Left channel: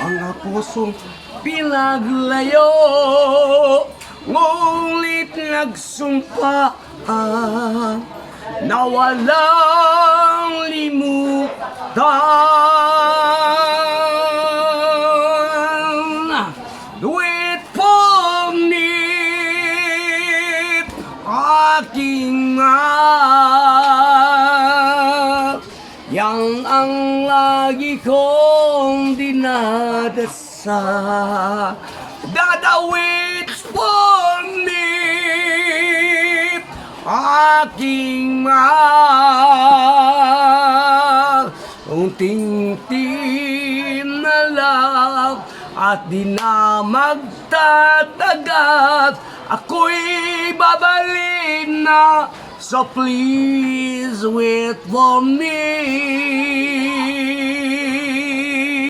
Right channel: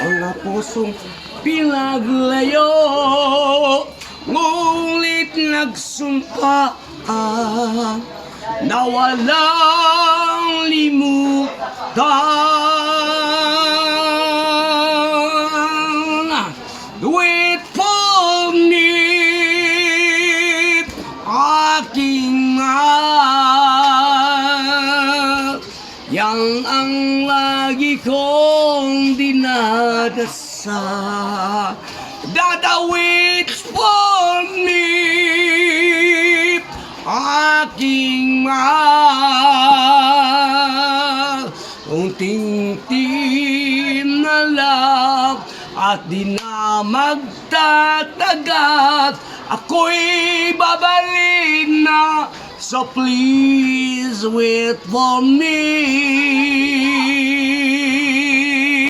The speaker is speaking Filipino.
mga pusong pinaglayo, ngunit nagsumpa na walang limutan. Wait for me, aking mahal, yan ang lagi kong dinadasal. Dada, wait for me, aking mahal, unting tim na lang at di na magtatagal, ako'y babalik na. So please wait for me.